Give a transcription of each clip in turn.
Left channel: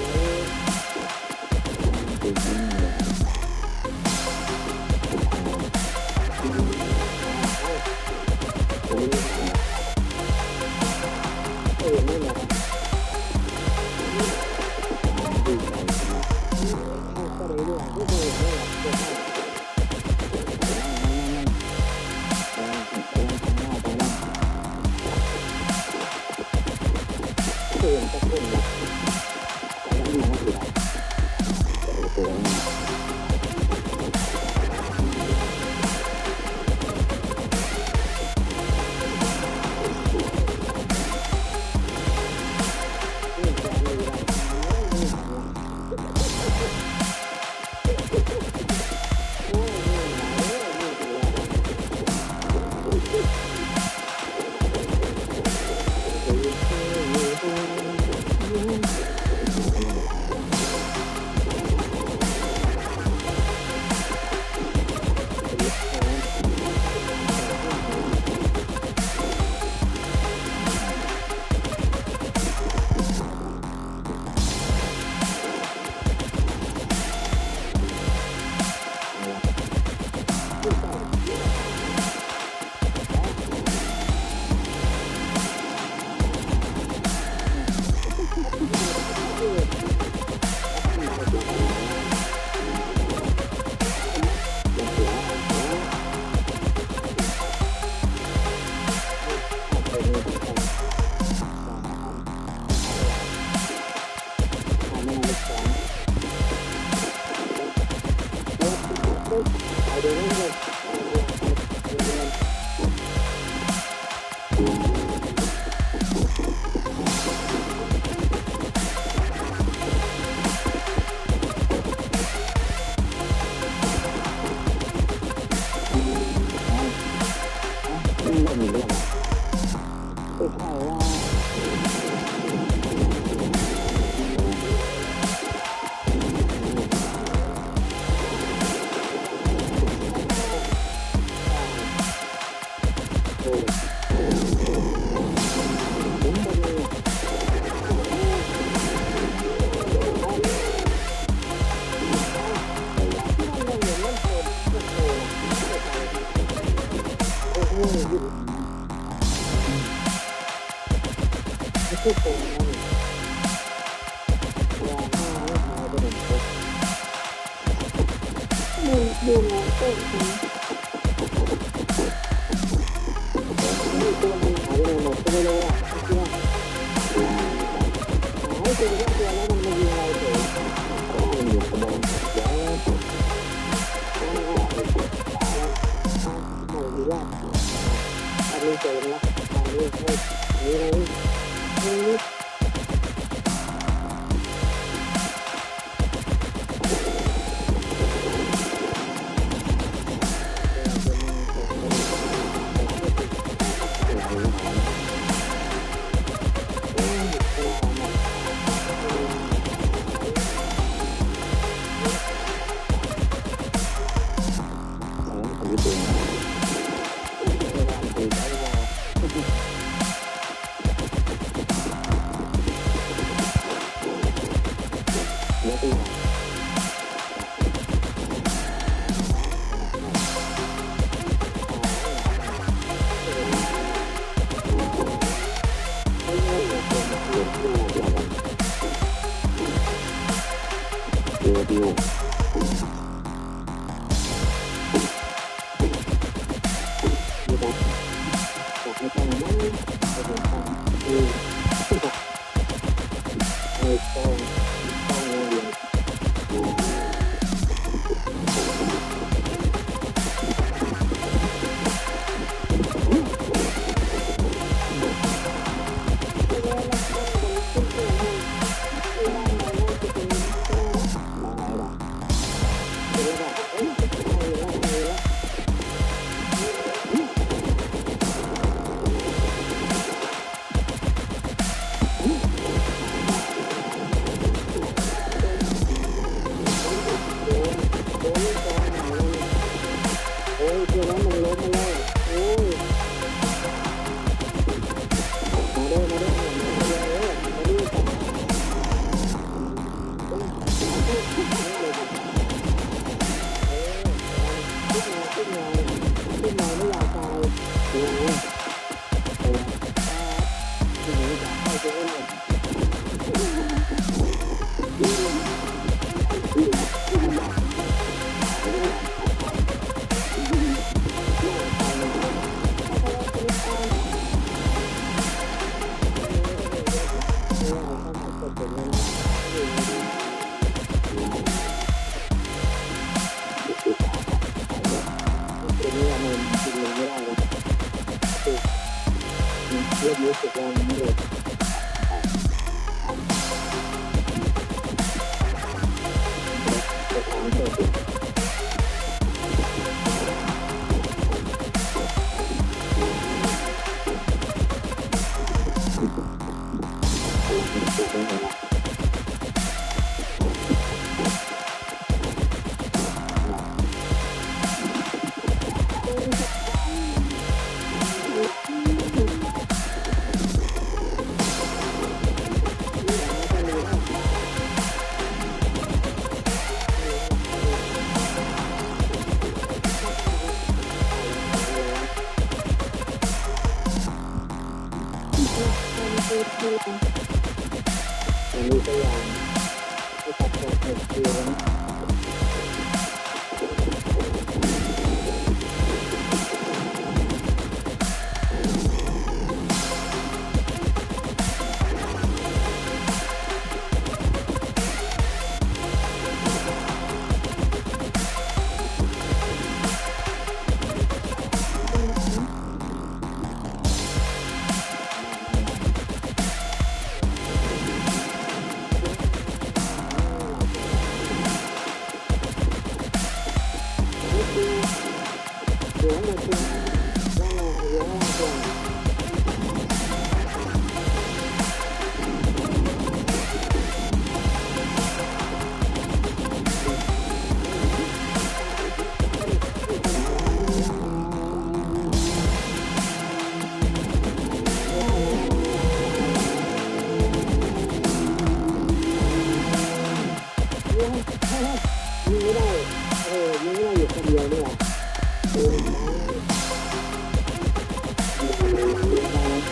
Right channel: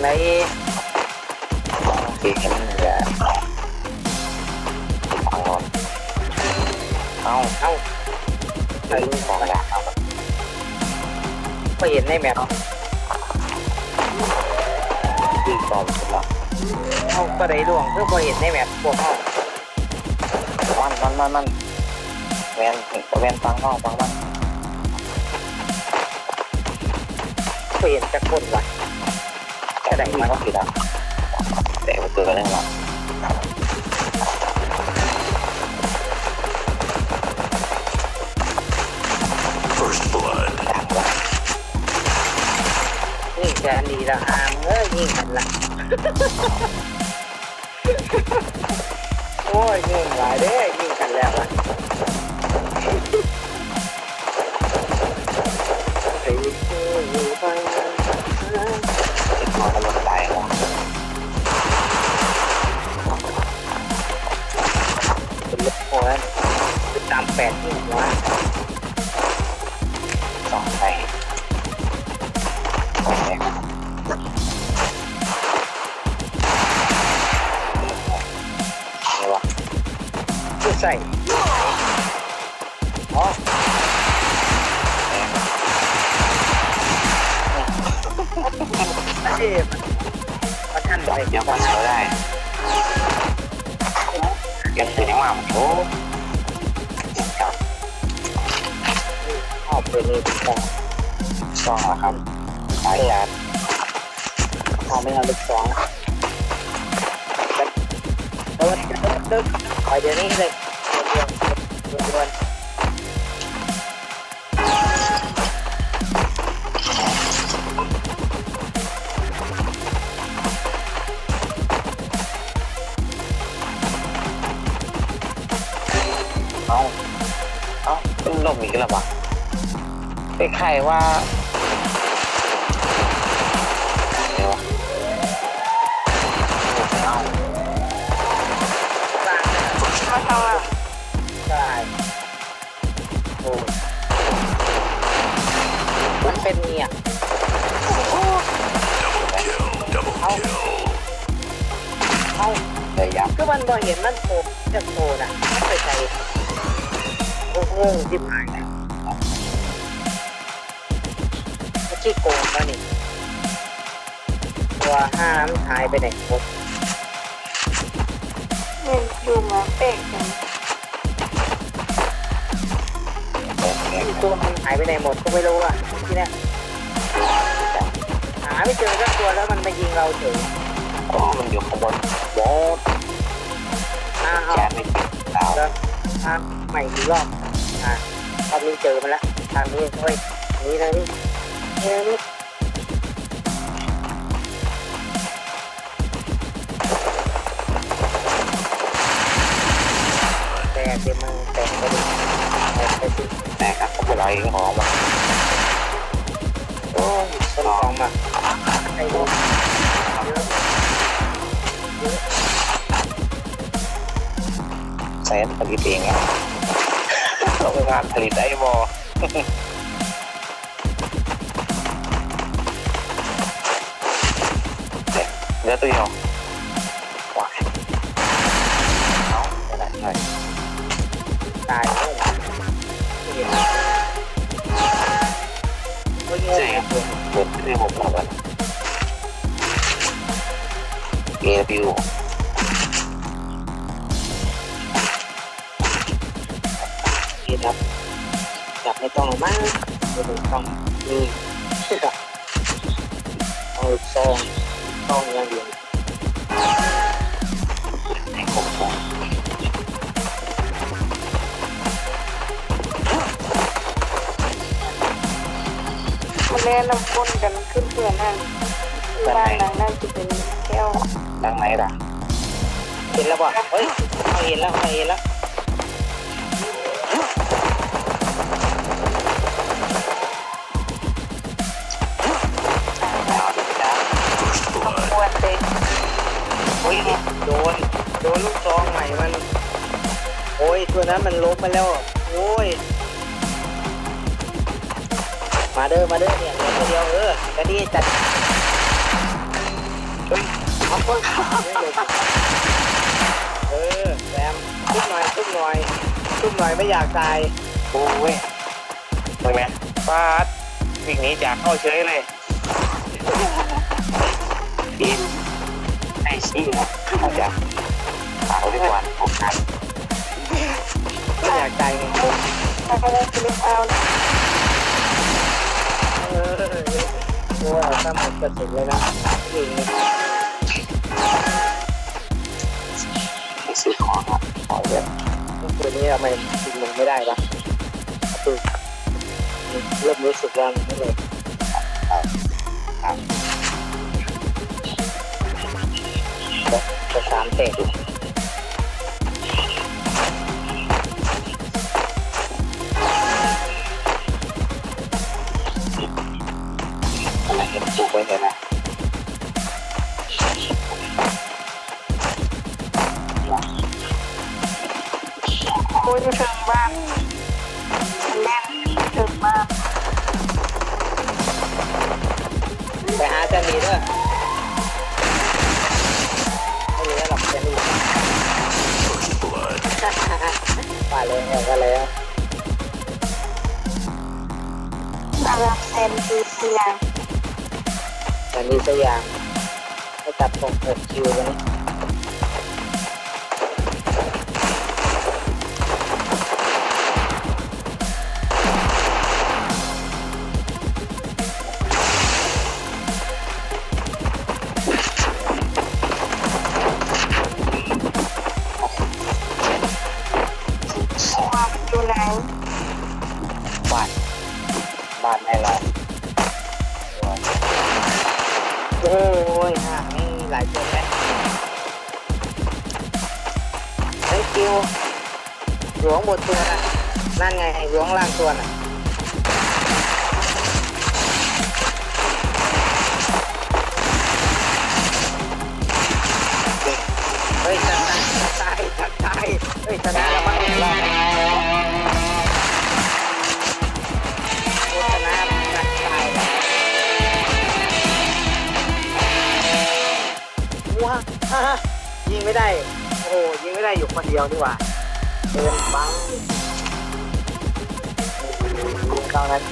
ไหนเก่งกันเนี่ยเอาใส่ของแล้วไปเห็นในแมปตีบอมเอาก็ได้ดวงเพื่อไปเห็นในแมปพวกเขามันแวนฟังน้องฟังมันไปเห็นจะคนวะแต่ได้ยินว่าผิดอ่ะแต่มันเกิดอะไรขึ้นนี่แกดีละหางยิงกันละโอ้ยยิงหลายเด้ยิงกันแล้วละใส่อ๋อประทันไปยังว่าเขาได้ยังแสดงว่าโอ้ออกไปเลยซองครับสายยาออกไม่เอาเป็นสองไปเดี๋ยวนี้เลยเป็นลมอีกแล้ววะไอ้ไข่ว่ามันเป็นเนี่ยเลยยับคือมันบ่เห็นมันโผล่จะโผล่น่ะไม่ใช่โอ้โหจิบหายนะไม่ขี้โกงแล้วนี่ตัวห้ามหายไปไหนหมดดูมาเป๊กตัวมันหายไปไหนหมดก็ไม่รู้อ่ะที่นี่หาไม่เจอสักตัวแล้วมันมายิงเราเฉยมันอยู่ข้างบนโอ้เอาใหม่อีกรอบเรามีเจอมันแล้วทางนี้ด้วยนี่นะนี่แต่ครับผมอะไรของมันโอ้ยลองมาใส่ลงใส่ผลิตเองอ่ะเราไปวางผลิตได้บ่เนื้อตัวเดียวว้ายเอาอะไรตายใช่ผมคือผมบอกว่าเอวิวจับไม่ต้องมากต้องนี่เอาซองยังอยู่แม่น้ำข้นกันขึ้นเพื่อนนั่งบ้านหลังนั้นจะเป็นแก้วดังไหนล่ะเห็นแล้วป่ะเฮ้ยเห็นแล้วตัวนั้นมันล้มไปแล้วโอ้ยมาเด้อเนี่ยตัวเดียวกระดิ่งจัด เอาคนแซมตุ้มหน่อยไม่อยากตาย โอ้ยไปไหมฟาดวิ่งหนีจากเข้าเฉยเลยปีนไอ้ชี้นะอาจจะเอาดีกว่าออกทาง ไม่อยากตายจริง ถ้าก็ได้เล่นเอา ถ้าหมดกระสุนเลยนะจริง ซื้อของครับของเยอะ ตัวนี้ทำไมยิงมันไม่ได้วะเริ่มรู้สึกว่ามันไม่เลยจะสามเตะ อะไรเห็นถูกไว้เลยนะ โอ้ยจะถึงบ้านแม่ถึงบ้าน ไปหาจะมีด้วยไปเลยก็แล้ว อาราเซนดีเซียง แต่มีตัวอย่างให้จับตรงหกคิวเลยความอยู่ไหน บ้านบ้านให้เรา โอ้ยหลายคนเลยไอ้คิวหลวงบนตัวน่ะนั่นไงหลวงล่างตัวน่ะเฮ้ยจะตายเฮ้ยชนะแล้วมั้งรอบนี้ชนะตายว้ายิงไม่ได้โอ้ยิงไม่ได้อยู่คนเดียวนี่หว่าบังตอนนั้น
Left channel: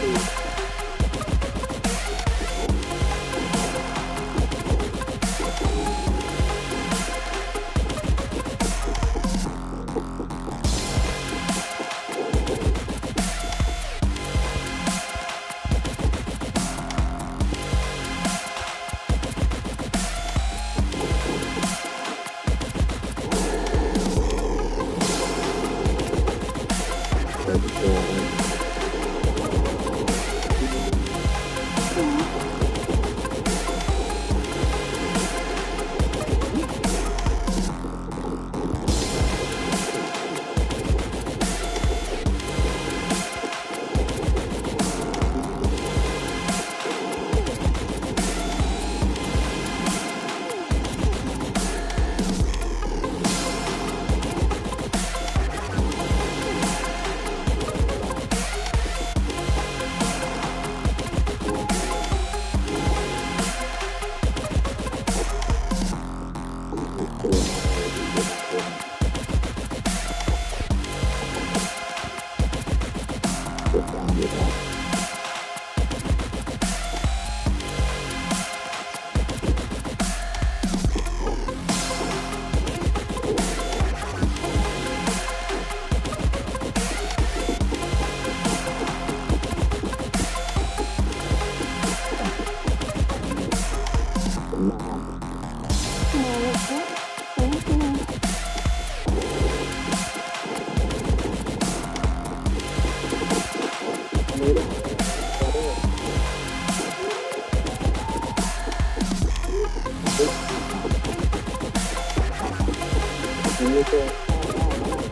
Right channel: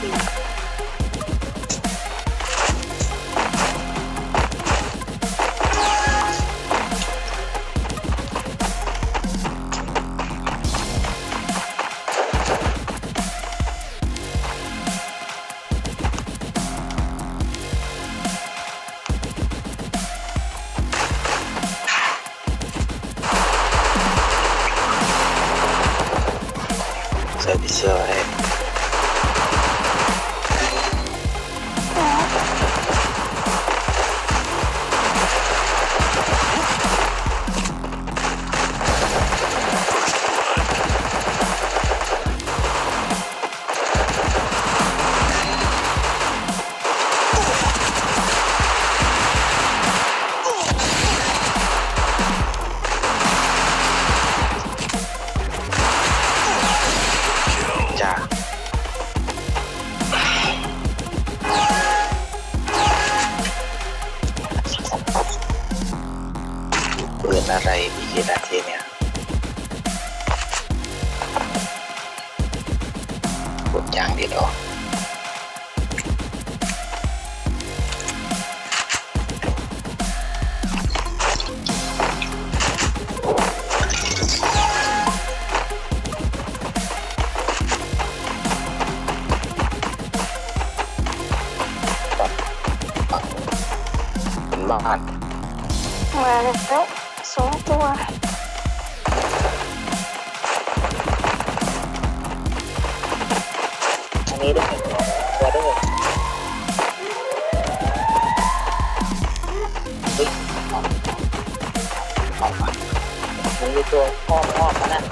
เซอร์วิสเซอร์ให้จ้าปืนอะไรกี่นาทีเนี่ยทุกอย่างดีดอกบ้าน มาแล้วสองตัว อันนี้ได้ตัวได้มันมีตัวอ้อมนะ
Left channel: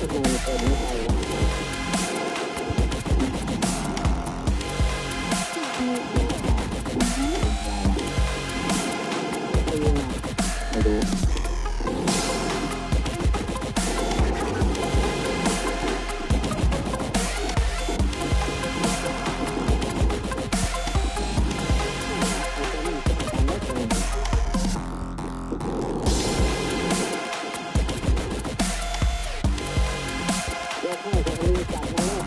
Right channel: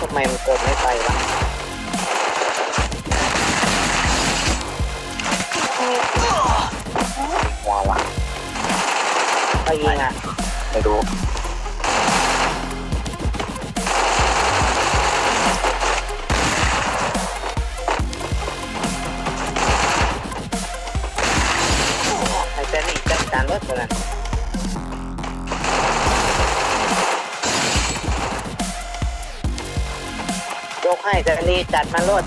ทำไมมันโกงไม่ไปวะ ว้าวะ เขายิงอ่ะ ไม่รู้ ษ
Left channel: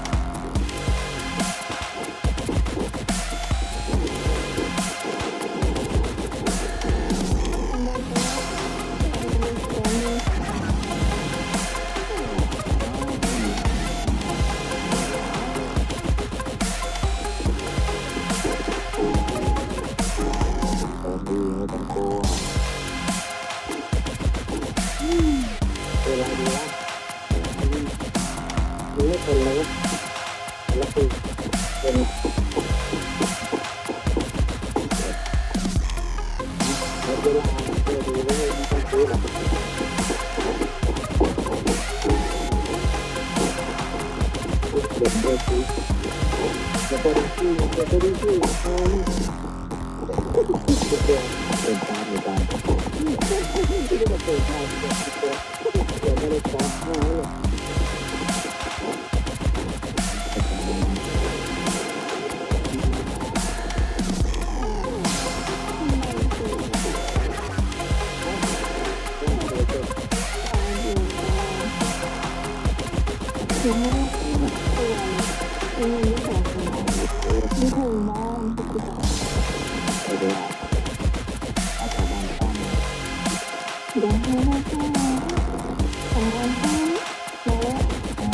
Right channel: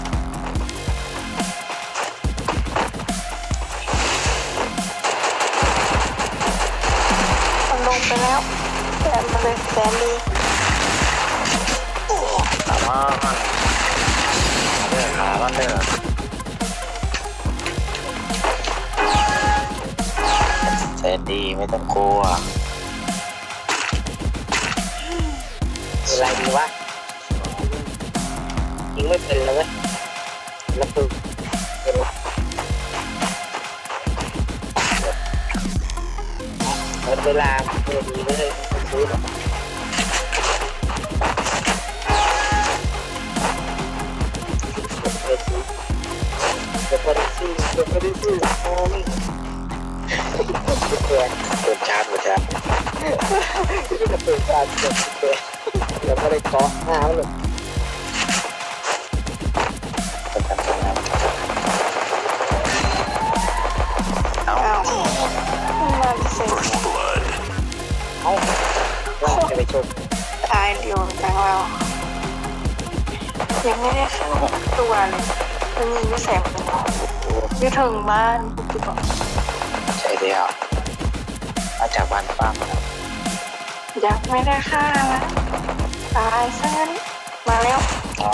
มันลงไปแล้วแต่มันเลยแสนดี ถามว่าเดินขาว่าเดินแสนดีไม่ต้องกลัว คืออะไรดีวะยิงไม่เป็นเลยเว้ยแล้วคือเป็นหมดเวลาเจอดีเลยเดี๋ยวโดนชาร์จเหมือนกัน ไม่ได้เกาะหน้าเลย เป็นกันทำงานเอา อ้าวน่าจะเสร็จ เอาเราจะไปชม ตายเดียวแล้วยังไม่ได้ขึ้นตัวเลยมันยิงแสงหัวอยู่ถึงบ้าน ใช่เดียวมาจากบ้านป้ามาแล้ว ยังไม่ได้ฆ่ามันตายซะงั้นมาแล้ว อ๋อ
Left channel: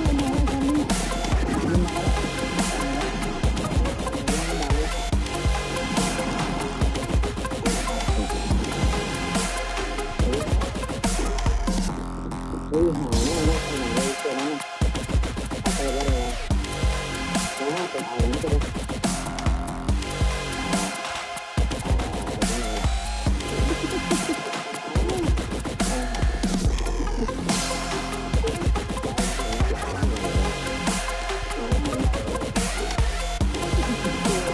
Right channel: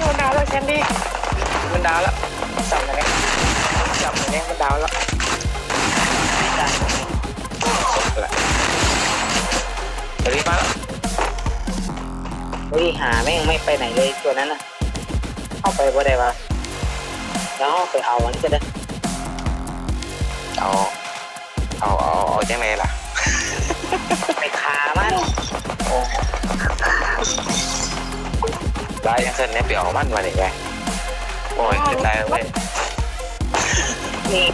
มันดาวแล้วแคนดี้มันดาวแล้วจับมันเองมันดาวแล้ว เดี๋ยวนี้มาแล้ว วิ่งหาไม่ไปไหนเลยตัวนั้นน่ะเข้าไปบ่ได้ปะแล้วไปเอาอันนี้ก็ได้ เอายังไงล่ะ ไปขามัน ได้ยังเส้นนี้ไปออกมันมาเลยแกปล่อยขึ้นได้แล้วเว้ย นี่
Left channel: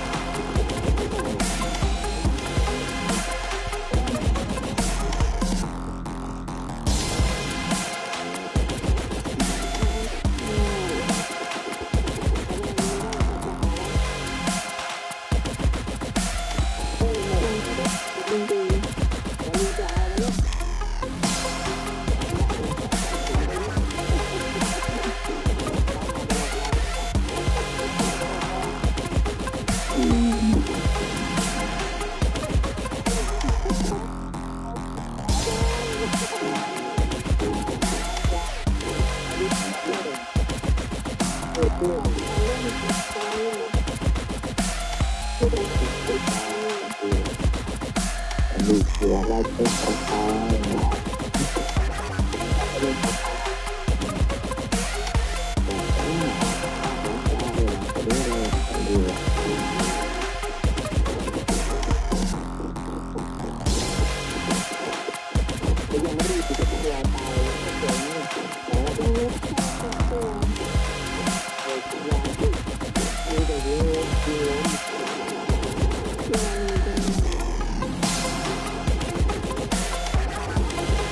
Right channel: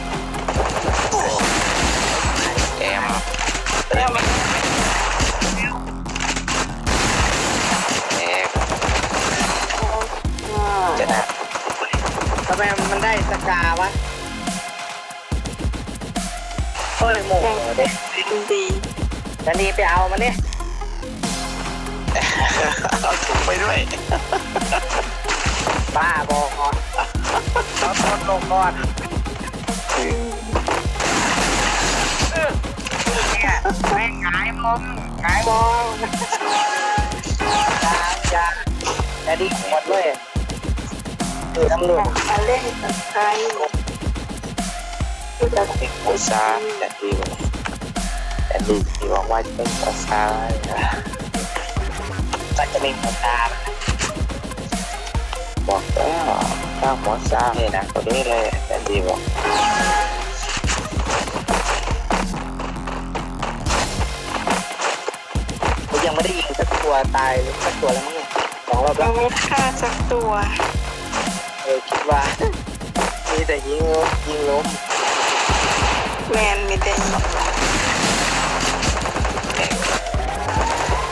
แอม เรื่องมัน แอกจะนะ ทำไมมันได้สกาวะโอ้ยโมโหเลย ดี แคนดี้ไปเอามันเนี่ย เอาถุงไปด้วย บ้าบอกก่อนเราทนลงก่อนเนี่ยแม่งหงายมองจะดีหมดเลยคือตำรวจ มาเล่นกับใครคือจะติด โอซาแต่ดีที่บอกว่าเป็นโอซานะ ก็จะมีผู้ตาม บอกแล้วตั้งโอซาเลยนะตัวนี้เลยแต่ดีบอก ยังไม่ได้ยิงสักตัวตายสักตัวแล้วมั้งสองรอบแล้ ยั ว งไม่ฆ่าสักตัว คิดว่ามีแต่ยิงล้ม แมนมีแต่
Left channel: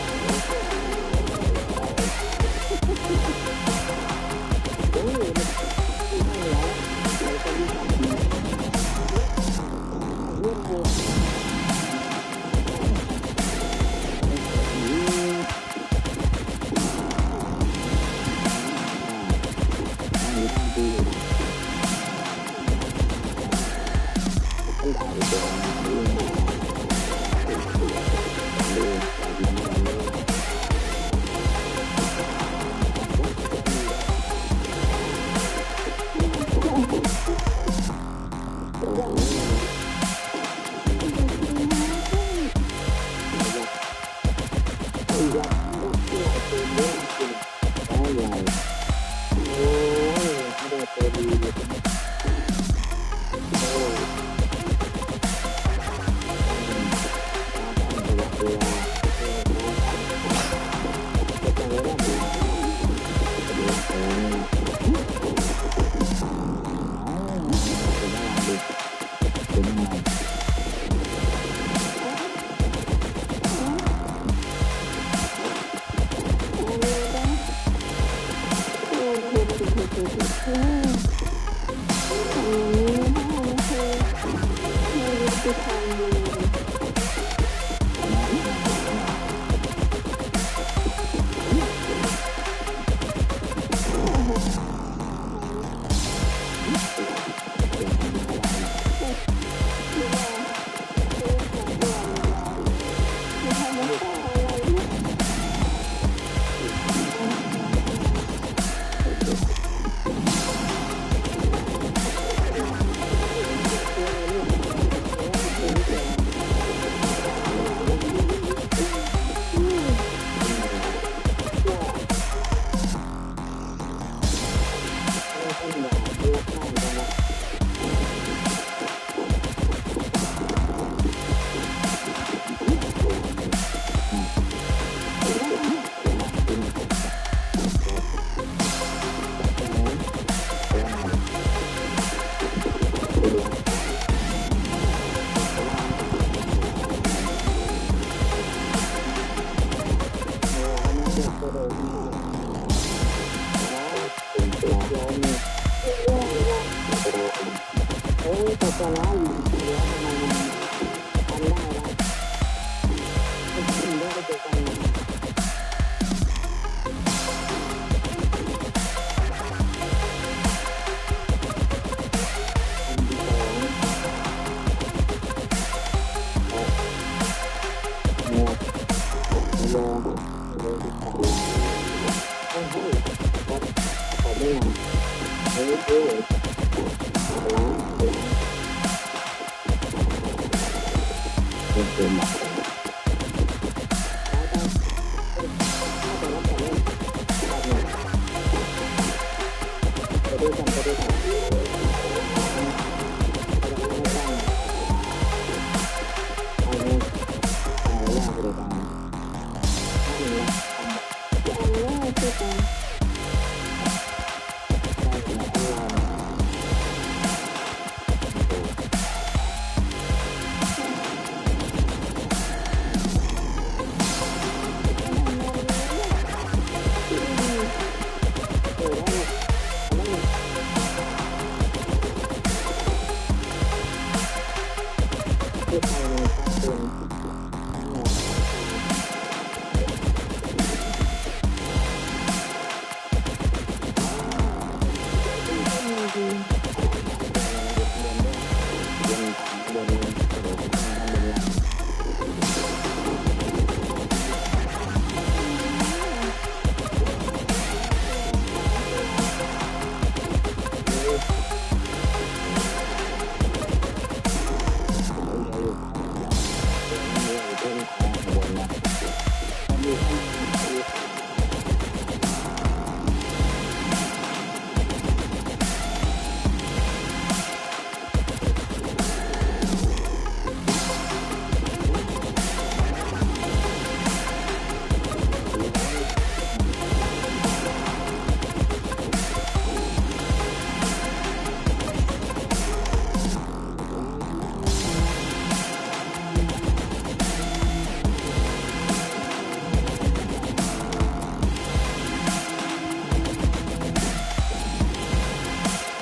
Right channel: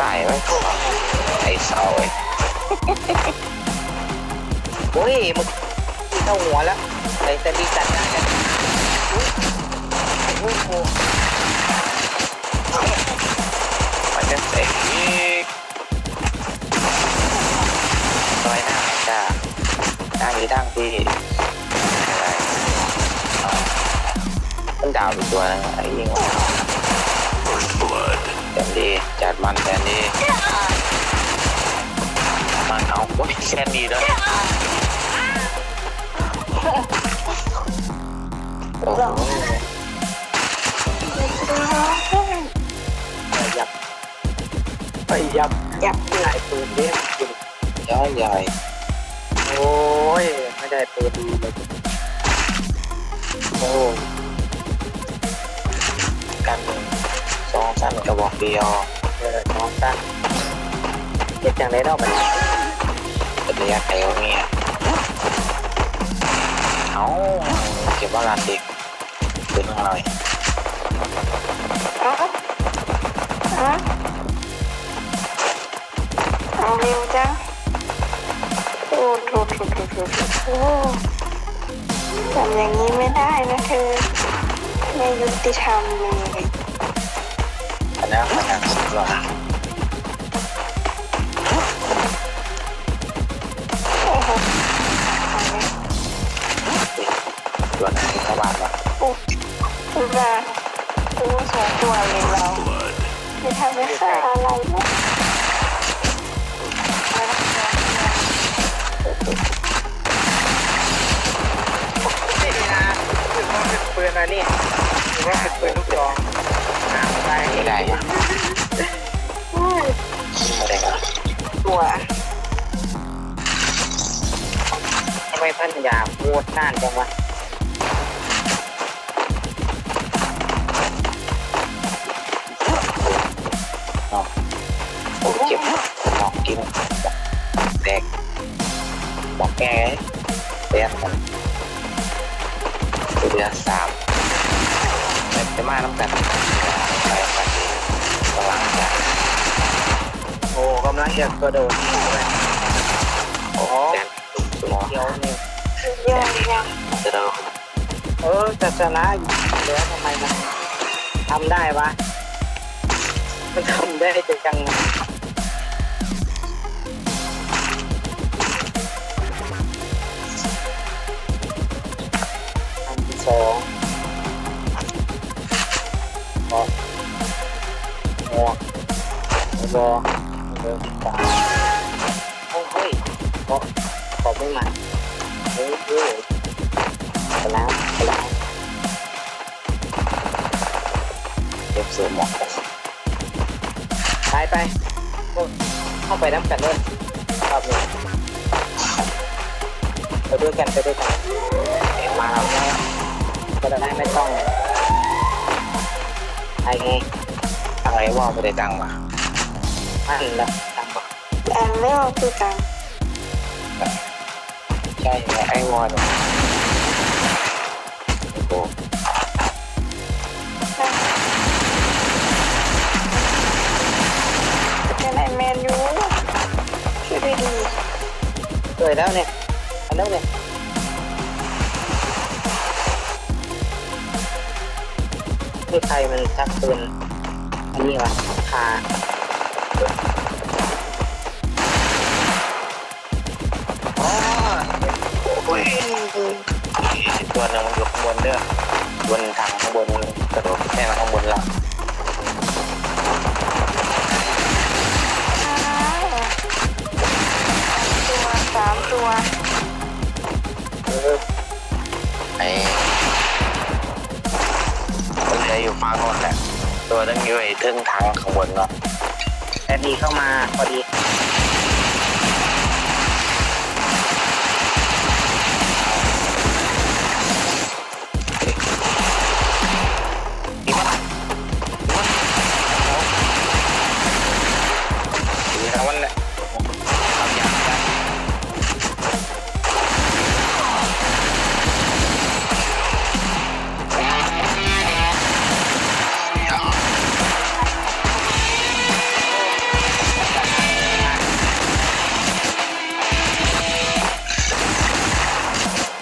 ตายไว้พวกไอ้เสาไอ้ โอ้ยมึงเข้าหัวแล้วแต่มีสัญญาณกันโอ้โห มันจะเสียอีกน้อยหน้าจ้าดังนี้ดังพี่มันดาวตัวนะไอ้ยิงว่าแดนดีจัดมันแดนดีมันเอาโอ้ยแซนดีด้วยโอ้โห ยับ ยับ หลายปืนเนี่ยจริง ย้ายใหญ่ โอ้ยไม่ได้ปืนดีเลยโอ้ กันสองสั้นกระบอกเดียว น้องตั้งเจ็บจังเลยเนาะมัน เป็นระยะไกลของเมียเอาเก็บว่าลานเด็กเป็นหน่อย เอาเอาเร็วจังโอ้โถโอ้ทำอย่างนี้ไม่ได้นะเธอไม่ยุติธรรมเลย คณะสำหรับ ตรนานจังวะ เจ็บหมอกกินแดกหมอกแก่เสียเดือน3จะมาแล้วกันไปกำลังจะ โอ้กำลังจะกระโดดนี่ไปโอ้ แดกตัว เดี๋ยวนี่ ยังยัง จะเรา จะชนะอยู่แล้วทำไมมันทำได้วะมันทำได้จังสองบองัวบอเฮ้ยขอไม่มันเฮ้ยชนะชนะ เริ่มเสริมหมอก ไปเข้าไปน้ำกันด้วยรอบนี้ไปด้วยกันมามาก็ได้ไม่ต้องไอ้ไง ทางไหนว่าไม่ได้ตังมา มันแบบทำ แต่ไม่เอาคือกัน ใช่ไอ้วอนโอ้ เป็นไอแมนยูช่วยได้ดี สวยแล้วเนี่ยแล้วเนี่ยที่ใครมันชักปืนนี่วะคา โอ้ย ดี ตัวนึงมันอยู่ข้างบนเด้อบนทางข้างบนกระโดดแม่มันข้างบนหลัง ตัว3ตัว ไอ้คนเหลืออยู่ฝั่งโน้นแหละตัวนึงอยู่ไอ้ทึ่งทางข้างบนเนาะ แต่ดีเข้ามาพอดี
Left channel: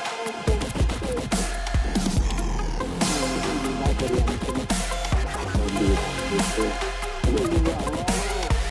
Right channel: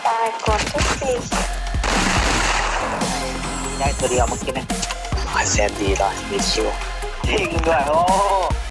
ตายกดทุกที ได้ตัวเดียวเมื่อกี้นะ แซนดีป่ะมีชิว จริงด้วยโอ้